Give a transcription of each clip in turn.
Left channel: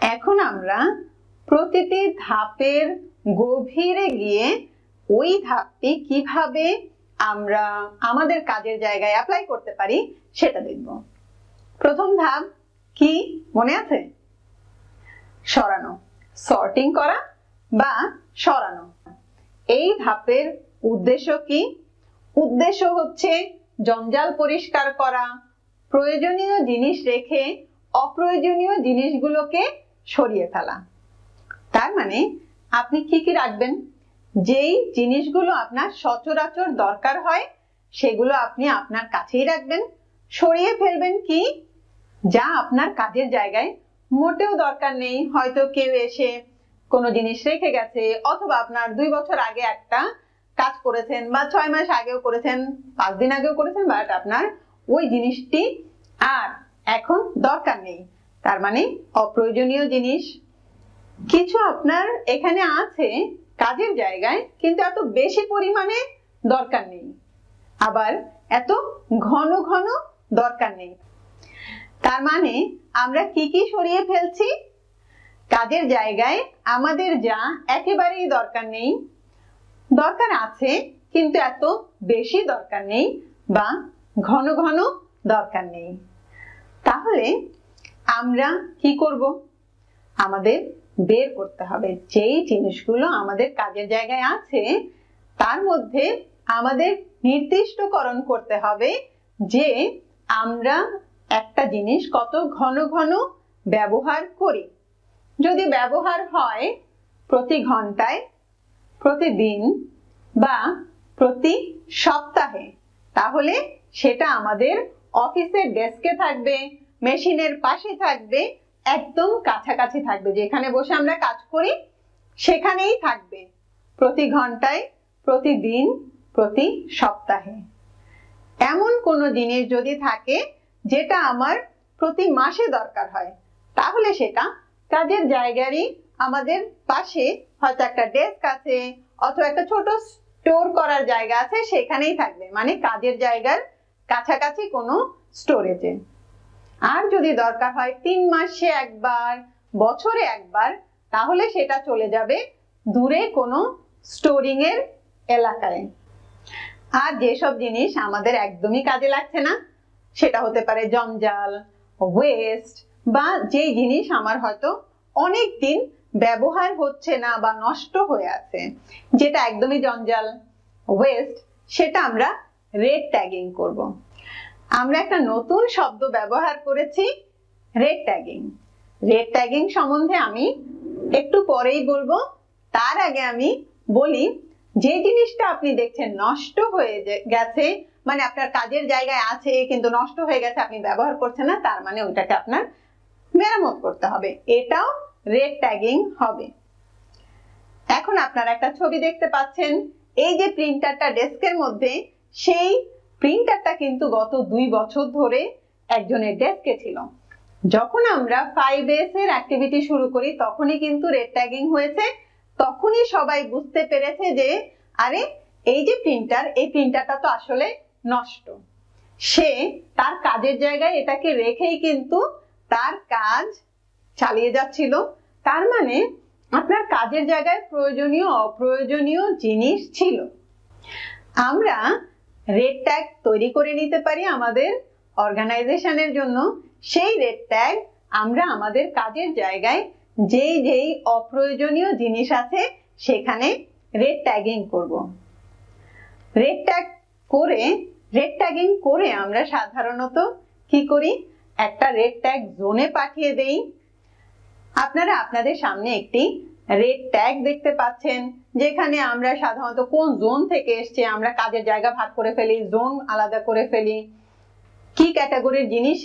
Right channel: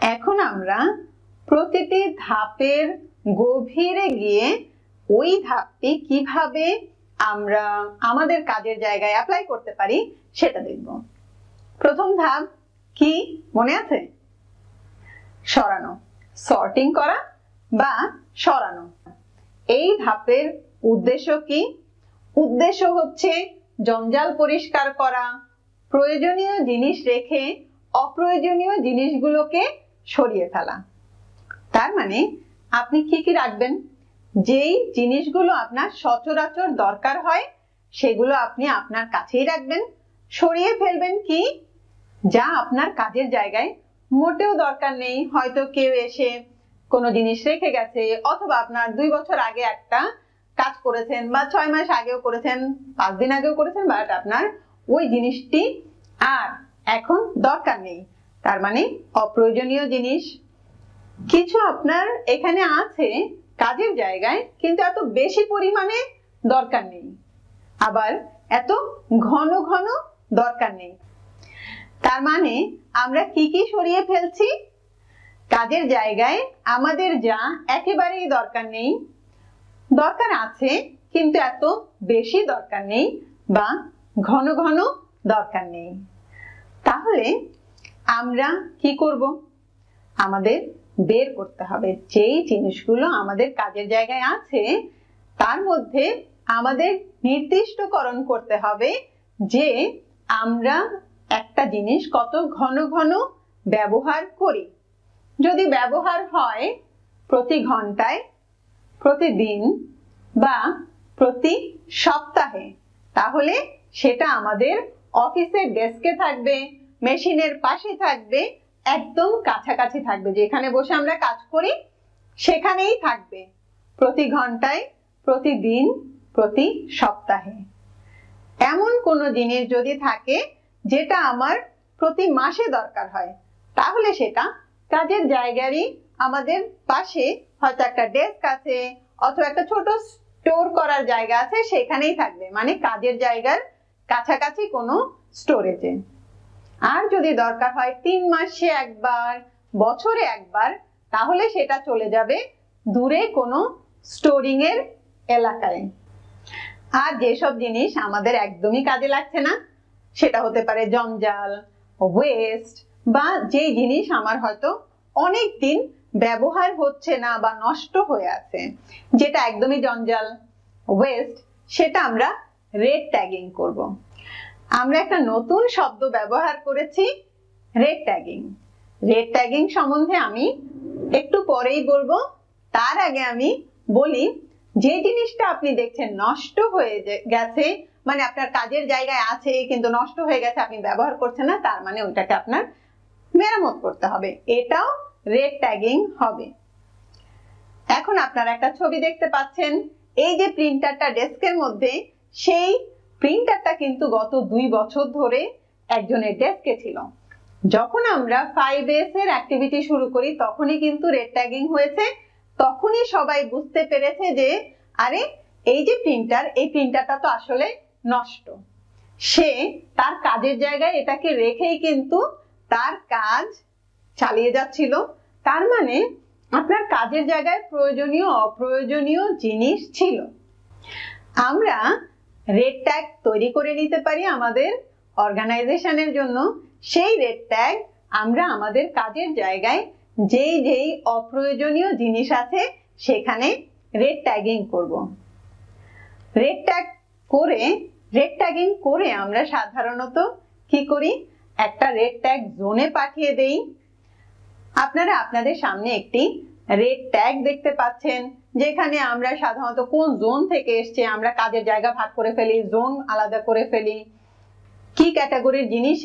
এখন আমরা প্রতিটি ধাপের গভীরে গিয়ে ওই ধাপটি কিভাবে আমরা আমাদের কাজের জায়গায় অ্যাপ্লাই করতে পারি সেটা দেখব। প্রথম ধাপ কি মনে আছে? সরানো, সর্টিং করা বা সরানো। এই ধাপের উদ্দেশ্য কি? উদ্দেশ্য হচ্ছে জঞ্জাল পরিষ্কার করা, প্রয়োজনীয় জিনিস রেখে অপ্রয়োজনীয় জিনিসগুলোকে সরিয়ে ফেলা। তার মানে আপনি কি কি রাখবেন? যেই জিনিসগুলো আপনার সচরাচর দরকার হয় সেগুলো আপনি আপনার কাছেই রাখবেন। সরিয়ে ফেলবেন কি যা আপনার কাজের জায়গায় মোটেও দরকার নেই। হয়তো কেউ এসে কোনো জিনিস রেখে গেছে, অথবা আপনার 2 বছর আগে একটা কাজ করেছেন বা 6 মাস আগেও করেছেন, 5 দিন আগেও করেছেন, বাট আপনার ওই জিনিসটি আর এখন দরকার নেই। তার মানে অপ্রয়োজনীয় জিনিস কিছু আপনার এখানে আছে কাজের জায়গায়, কিন্তু এত বেশি পরিমাণে দরকার নেই, আবার এত ঘন ঘন দরকার নেই। তার মানে আমরা কি কি সরিয়ে ফেলছি? কাজের জায়গায় আমাদের যা একেবারেই দরকার নেই, দরকার আছে কিন্তু এত বেশি দরকার নেই বা ঘন ঘন দরকার নেই। তাহলে আমরা কি করব? আমাদের বের করতে হবে যেই জিনিসগুলো আমাদের কাজের জায়গায় আছে তার মধ্যে আমাদের নির্দিষ্টকরণ করতে হবে যে আমরা একটা জিনিস কত ঘন ঘন ব্যবহার করি। যদি ব্যবহার হয় প্রতি ঘন্টায়, প্রতিদিন বা প্রতি সপ্তাহে, তাহলে সেটা আমাদের অফিসের ডেস্কে থাকবে, মেশিনের পাশে থাকবে, একদম কাছাকাছি থাকবে। যেখানে বসে আমরা কাজ করি সেখানেই থাকবে, প্রতি ঘন্টায়, প্রতিদিন, প্রতি সপ্তাহে। এমন কোনো জিনিস যদি থাকে যেটা আমার প্রতি মাসে দরকার হয়, তাহলে সেটা কাজের জায়গারই আমাদের পাশে হয়তো একটা ডেস্ক আছে অথবা একটা ছোট স্টোর করার জায়গা আছে, সেখানেই থাকবে, মানে কাজের জায়গার কাছাকাছি কোনো স্টোরেজে। আর যদি দরকার হয় 3 মাসে একবার, বছরে একবার, তাহলে সেটা চলে যাবে দূরে কোনো স্টোরিং এর এলাকায়। আর যেসব জিনিস আমাদের একদমই কাজে লাগছে না, সেটা হতে পারে জঞ্জাল, ওয়েস্ট, বা যে জিনিস আমার হয়তো অনেক দিন ব্যবহার হচ্ছে না বা নষ্ট হয়ে আছে, যেটা একদমই জঞ্জাল, ওয়েস্ট, সেটা আমরা রেড ট্যাগিং করব। আমরা একটা নতুন শব্দ ব্যবহার করেছি, রেড ট্যাগিং। রেড ট্যাগিং সম্বন্ধে আমি একটু পরেই বলবো। তার আগে আমি বলি, যে জিনিসটা আপনি দেখছেন নষ্ট হয়ে গেছে, মানে আপনার কাজের জায়গায় আছে কিন্তু নষ্ট হয়ে গেছে, আপনি ব্যবহার করছেন না, তার মানে ওইটাকে আপনার মেরামত করতে হবে, এটাও রেড ট্যাগিং হবে। এখন আপনারা একটা ছবি দেখতে পাচ্ছেন, এই যে প্রিন্টারটা ডেস্কের মধ্যে, সেই প্রিন্টারটা কিন্তু গত 2 বছর ধরে একজনের ডেস্কে ছিল। যখন আমরা 5S এর অ্যাক্টিভিটি শুরু করি তখনই কিন্তু রেড ট্যাগিং হয়েছে। তখনই সবাই বুঝতে পেরেছে যে আরে এই যে প্রিন্টার, এই প্রিন্টারটা তো আসলে নষ্ট। সে তার কাজের জায়গায় এটাকে রেখেই কিন্তু তার কাজ চালিয়ে যাচ্ছিল। তার মানে আপনার কাজের জায়গায় প্রয়োজনীয় অপ্রয়োজনীয় জিনিস ছিল। আমরা রেড ট্যাগ তৈরি করে নিতে পারি আমাদের অর্গানাইজেশনের জন্য। সেই রেড ট্যাগ আমরা আমাদের কাজের জায়গায় যেই যেই অপ্রয়োজনীয় জিনিস আছে সেখানে রেড ট্যাগিং করব। রেড ট্যাগিং করে আমরা সাধারণত কি করি? একটা রেড ট্যাগ জোনে পাঠিয়ে দেই। আপনারা আপনাদের সামনে একটি রেড ট্যাগ দেখতে পাচ্ছেন, যেখানে আমরা সাধারণত কোন জোন থেকে এসছে আমরা কাজের জায়গা ভাগ করে ফেলি, জোন আলাদা করে ফেলি, কি ক্যাটাগরির জিনিস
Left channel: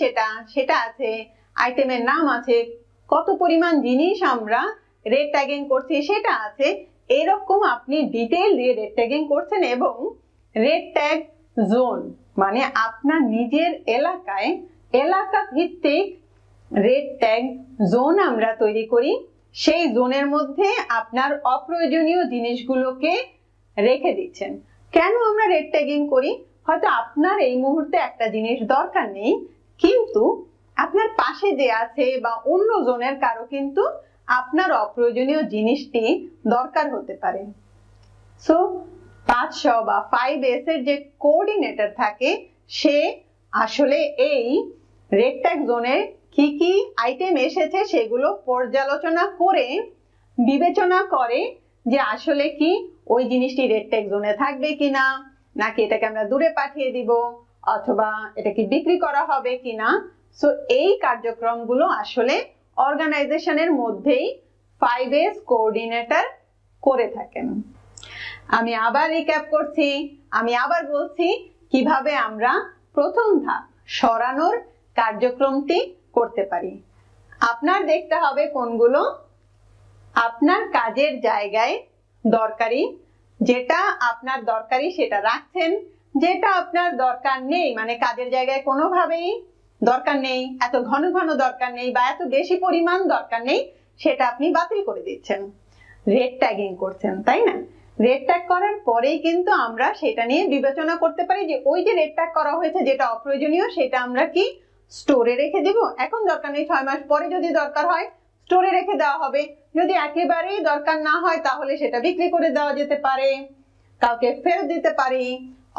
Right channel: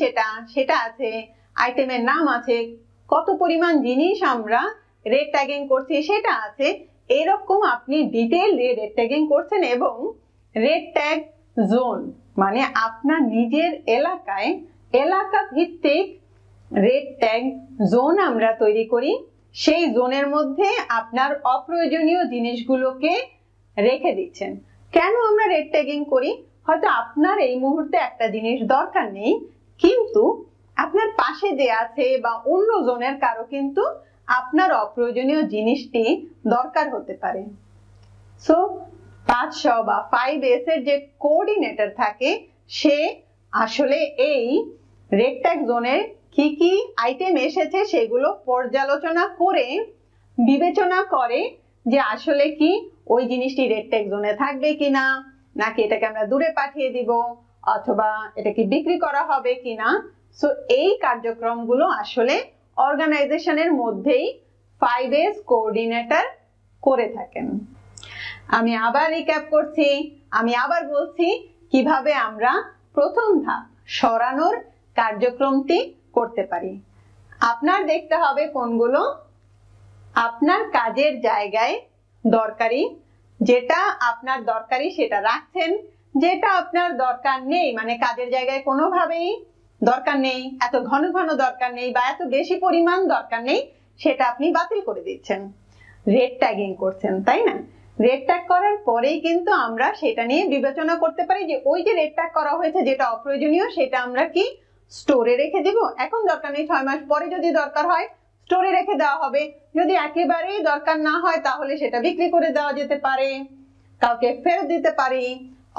সেটা আছে, আইটেমের নাম আছে, কত পরিমাণ জিনিস আমরা রেড ট্যাগিং করছি সেটা আছে। এরকম আপনি ডিটেইল দিয়ে রেড ট্যাগিং করছেন। এবং রেড ট্যাগ জোন মানে আপনার নিজের এলাকায় এলাকা ভিত্তিক রেড ট্যাগ জোন আমরা তৈরি করি। সেই জোনের মধ্যে আপনার অপ্রয়োজনীয় জিনিসগুলোকে রেখে দিচ্ছেন। কেন আমরা রেড ট্যাগিং করি? হয়তো আপনার এই মুহূর্তে একটা জিনিস দরকার নেই, কিন্তু আপনার পাশে যে আছে বা অন্য জনের কারো কিন্তু আপনার অপ্রয়োজনীয় জিনিসটি দরকার হতে পারে। সো 500 বা 5S এর যে কোঅর্ডিনেটর থাকে সে আসলে এই রেড ট্যাগ জোনের কি কি আইটেম এসেছে সেগুলো পর্যালোচনা করে বিবেচনা করে যে আসলে কি ওই জিনিসটি রেড ট্যাগ জোনে থাকবে কিনা, নাকি এটাকে আমরা দূরে পাঠিয়ে দিব, অথবা এটা কি বিক্রি করা হবে কিনা। সো এই কার্যক্রমগুলো আসলে অর্গানাইজেশনের মধ্যেই 5S কোঅর্ডিনেটর করে থাকেন। আমি আবার রিক্যাপ করছি, আমি আবার বলছি কিভাবে আমরা প্রথম ধাপ সরানোর কার্যক্রমটি করতে পারি। আপনার দেখতে হবে কোনগুলো আপনার কাজের জায়গায় দরকারি, যেটা আপনার দরকারি সেটা রাখছেন, যেটা আপনার দরকার নেই মানে কাজের জায়গায় কোনোভাবেই দরকার নেই, এত ঘন ঘন দরকার নেই বা এত বেশি পরিমাণ দরকার নেই, সেটা আপনি বাতিল করে দিচ্ছেন, রেড ট্যাগিং করছেন, তাই না? রেড ট্যাগ করার পরেই কিন্তু আমরা সেটা নিয়ে বিবেচনা করতে পারি যে ওই যে রেড ট্যাগ করা হয়েছে যেটা অপ্রয়োজনীয় সেটা আমরা কি স্টোরে রেখে দিব, এখন দরকার নেই, 6 মাস পরে যদি দরকার হয় স্টোরে রেখে দেওয়া হবে, যদি একেবারেই দরকার না হয় তাহলে সেটা বিক্রি করে দেওয়া যেতে পারে, কাউকে ফেরত দিতে পারি,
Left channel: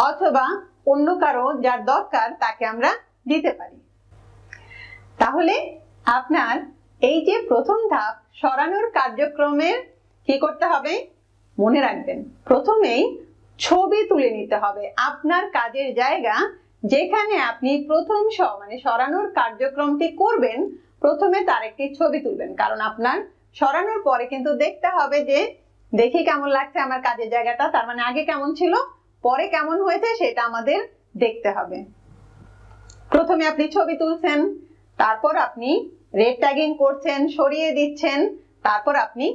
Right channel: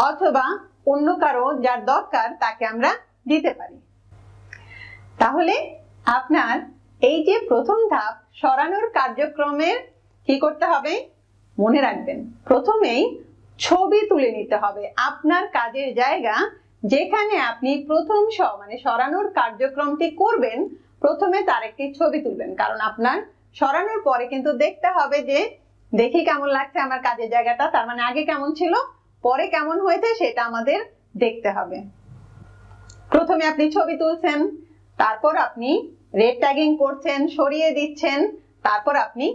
অথবা অন্য কারো যার দরকার তাকে আমরা দিতে পারি। তাহলে আপনার এই যে প্রথম ধাপ সরানোর কার্যক্রমের কি করতে হবে মনে রাখবেন, প্রথমেই ছবি তুলে নিতে হবে আপনার কাজের জায়গা যেখানে আপনি প্রথম মানে সরানোর কার্যক্রমটি করবেন, প্রথমে তার একটি ছবি তুলবেন, কারণ আপনার সরানোর পরে কিন্তু দেখতে হবে যে দেখি কেমন লাগছে আমার কাজের জায়গাটা, তার মানে আগে কেমন ছিল পরে কেমন হয়েছে সেটা আমাদের দেখতে হবে। প্রথমে আপনি ছবি তুলছেন, তারপর আপনি রেড ট্যাগিং করছেন, সরিয়ে দিচ্ছেন, তারপর আপনি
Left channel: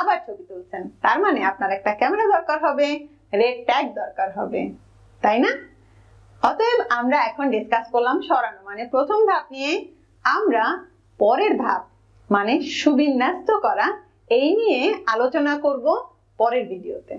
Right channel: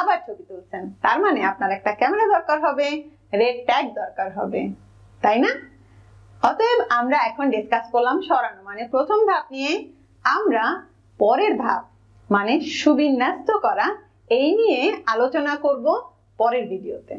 আবার ছবি তুলছেন, তার মানে আপনার একটা ক্যামেরা দরকার হবে, রেড ট্যাগ দরকার হবে, তাই না? অতএব আমরা এখন ডিসকাস করলাম সরানো মানে প্রথম ধাপ নিয়ে, আমরা পরের ধাপ মানে সুবিন্যস্ত করা এই নিয়ে আলোচনা করব পরের ভিডিওতে।